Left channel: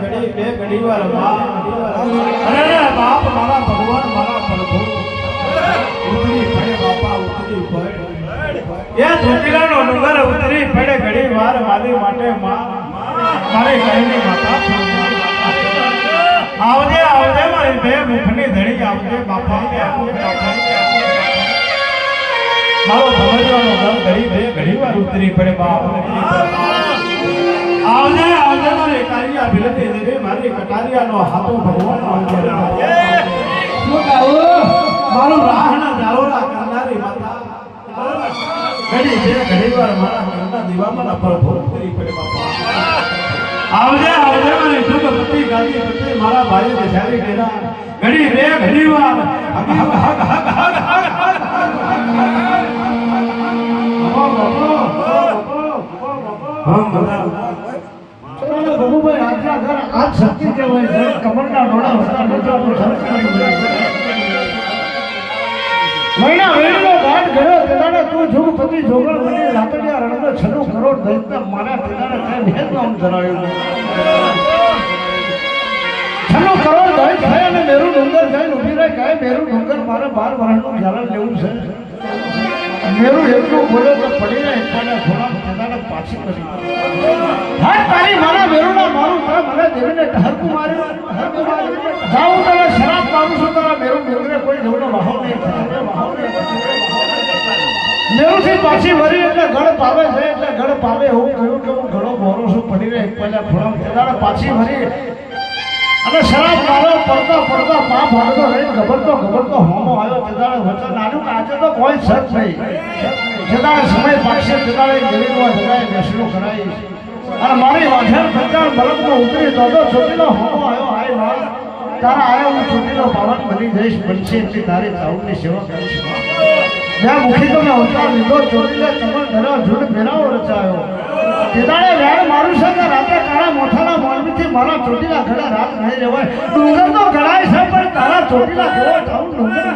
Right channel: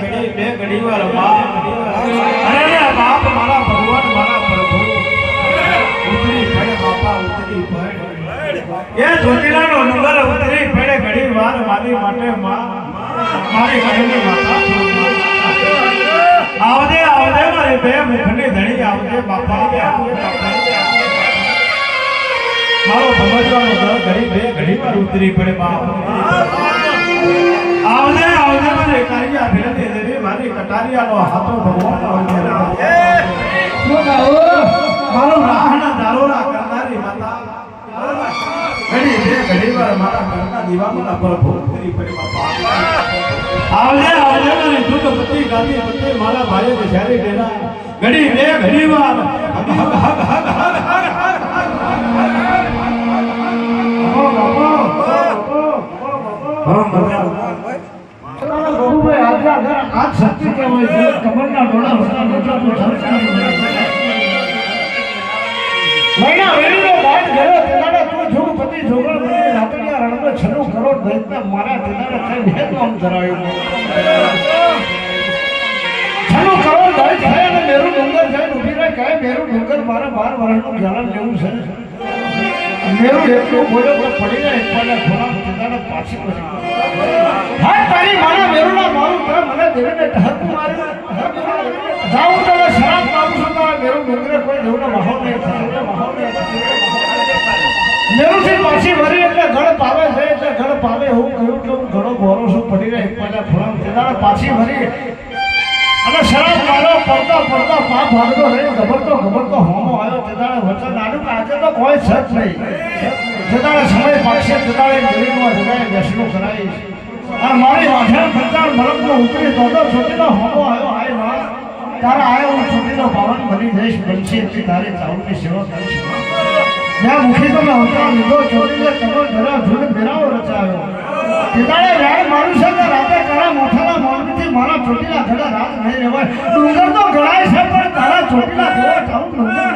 ઘડી બે ઘડી વાર અરે બાપ મારા ભગવાન મારા પ્રભુ ઉતરી ફેડે બાપા ઉતરી ફેડે એ ચોટીલાનો ડુંગર ઉતરી ફેડે ઘડી વાર વાલી માટે મારી ઘરની માતા આવજે આવજે મારી બે મુખની ધણી આવજે બાપા મારો ભગવાનનો દર ઘડી બે ઘડી વાર ઉતરી પડે બાપ આવજે આવજે મારી કારિયા ભીલતી દેવી મારી કટારિયાનો હાથો ભગવાન આવજે શું કહું મારો રાહના દારોરા કરનારી માતા ઘડી બે ઘડી વાર મારા ઘરના દીવામાં પ્રભુ ઉતરી પડે બાપા આવજે આવજે મારી દુર્ગપતિ ગાદીપતિ મારા ભાઈ બિચારી ડેરા ઘડી બે ઘડી વાર आज शक्ति के वजह कमरना डोड़ा होता बच्चा को महीना महीनो बात गयो तेदाड़ा तू झुगपति झोगड़ बने रातड़िया रण में 96 करोड़ दैत्य मारा तेदाड़ा कई भेद नाम धरायो 96 करोड़ दैत्य है ने मेरू डंगर जाय उभी रे कहे मेरू डंगर मारे 12 વર્ષનો જ્ઞાન લેવું છે મેરું એટલું બોલો તો પડીને એકલા થોડા તેદાડે પાછી કરી હા તારી મારા મેરુના મારું કે મને દેવીને ઢહરકુ માર્યું જાઉં તો શરાબ પાડું છું તારા મેરું ડુંગરે કોઈ જવનો માહોલ નહીં થાય મેરું થી પાછી મરી એટલે ઘડ પાવે છે એટલે ઘડ પાવે હું કહ્યું કે હું ઘણો બોરો છું પડીને એકલા થોડા તેદાડે પાછી મરી અને શરાબ મારો પડતા પડતા પા ભાગતો રહી ગબરતો હોમો આવ્યો તેદાડે વચન આડું આજે તો કોઈ સચ નહીં તેદાડે સમય પાછે તેદાડે દેવીનો જગાય દર્શનો કરાય અને મારી વાઠાણ પ્રચાર મલકનો ઉતરી તો છોટીલો હોમો આવ્યો હાય માં તારા આવ્યો હું છોટીલો પાવન બની જઈશ બનશે એટલી તારી ચાઉની સેવા કરીશ મેં મુખી તો મેં અવતાર લીધો છોટીલે કમર ધરા જૂન મેળાવો રચાયો તેદાડે વ્યાર મારું સંગ રાતે કાળા મોઠાના મોરબીથી મારા ચોટીલા ઘડા રાત નહીં રહેવાય ડુંગર તો ઘડાય છે પણ તારા ચોટીલા ઘડા જાઉં ડુંગર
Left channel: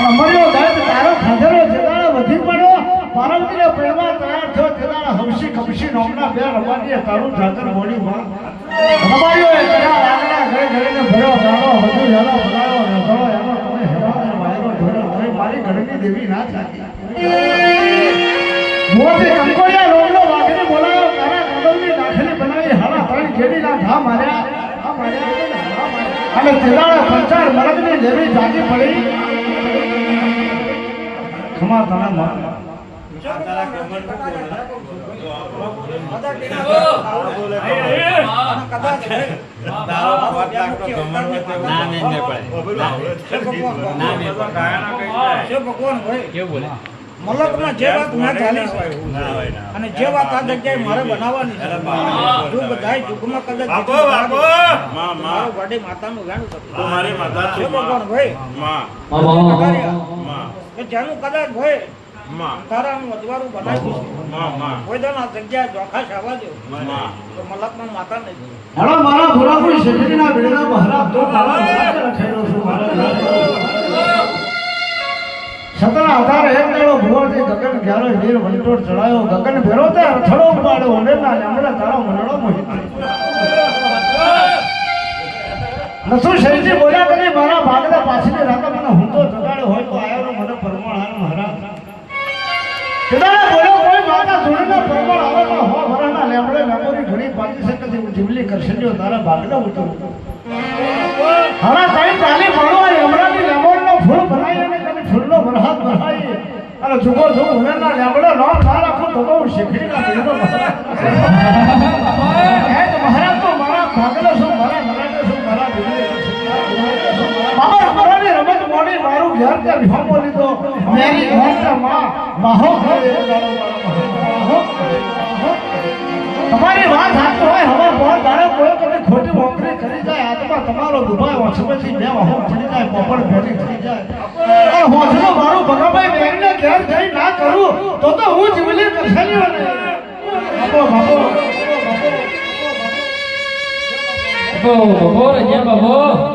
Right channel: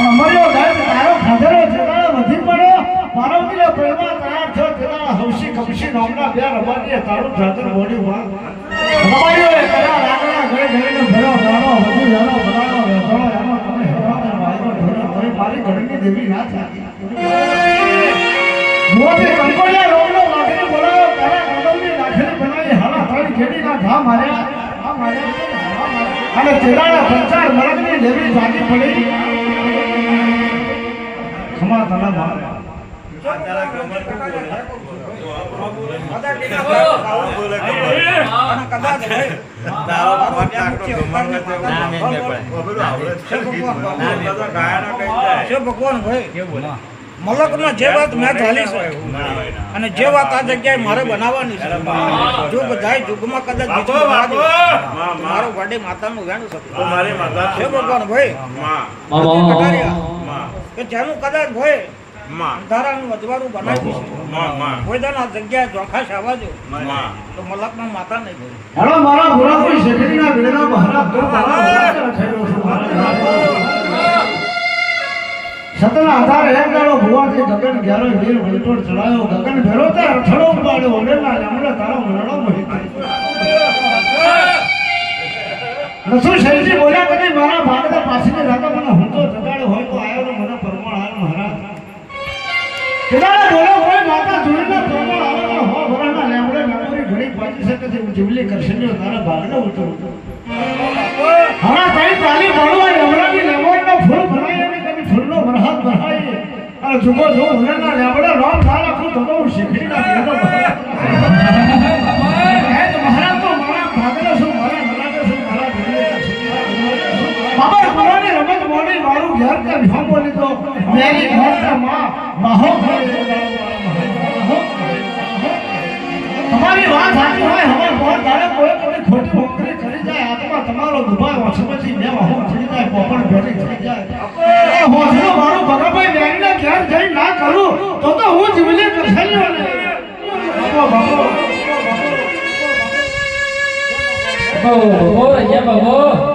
અમર્યો દર્દ તારો ખાધરો તેદાડે વધી પડ્યો પાર્વતીનો પ્રેમમાં તૈયાર થયો તેદાડે હવસી કમસી નોમના બે રબાડીએ તારું જાતર બોડી માં રબાડીઓ તારા રાગના ઘરે ઘરેને ભર્યો ભરવો વધુ જાનો ભરાયો રહેતો એમાં કોને હેરાને મારી ઢોરે કોઈ મારી ઘરની દેવી ના થાતી મોતે કંકોડિયા રોગનો વાઘને બોલાયો તારા કંદોની નાખલી બનાવી હાલા ત્રણ ખેડીના ઘા માર્યા અને તેદાડે પંચાર મરગની દેવી જાગી પડી ખમા તારા મારે મલકમાં જે વાત મેં ચાલી છે અને જે વાત આ જગ્યાએ મારે બનાવવાની છે જો બધાય યુગમાં કદાચ દીધો મારો વડી માતાનું વેણું થતું મારી માતા છે ભગવાન ભાઈ કે જેનું કદાચ ભાઈ તારાનું વધવાનું બનાવ્યું છે કોઈ દાના જગ્યાએ ચોખાશ આવવા દો તો મલકમાં માતા નહીં હાલો મારા ભુરાપુર શેઠીના બેડા મહારાજ તો તારા ખેડો છું સતના આધારે એક દાડો ભુવાથી ગગન ઘેરો વીર વલટોર ચડાયો ગગન ભેરો તે અરથડો ઉડાડ્યો ઓલેના લેમડે તારો મરડો મોહી નસુ શરીજી બોલ્યા કરી મારા ભાગતા પાછળની રાતા મને હું તો જગાડ્યો હોય તો આયો મને પરમાણ આયો મહારાજ તેદાડે બોલ્યો કોઈ માતા જોડીને પરમાણ આવે તો હો વરાના લેમડે મેમોરી ઘણી પાછી શકે છે જીવલી કરશે જો તારા ભાગના ઉતરું હરા કઈ તાલી ભણવા લેમડાની લેમોરીનો ફૂલ બનાવી અને કદી ફૂલનો વરહાદ બનાવી અને જુગો જો ઉલેના લેમડે નો ના રાખું તો બહુ શીખીના બેનો મહારાજ તો મારા ભાગના શું મારા મનાને શું મારા દીકરી કરશે બાબા મારાની રમત મોડી મારું ઘર કે ભોમો લીધો મેરી ઘર કે માં માહો કરે તમારી વાત સાચી હોય હવે બહુ દાડે કોઈ તમને ખોટી નોકરી કરી જાય આત્મા તમારો દુભાઈ હોસ્પિટલથી બે વાહો થઈ જાય પોપડ ભેટી થઈ જાય હોસ્પિટલ મારું ભગાભાઈ બેંગને ઘેર જઈ ના કરું તો હું જીવલી કરશે બાબો બાબો અહીંયા બાબો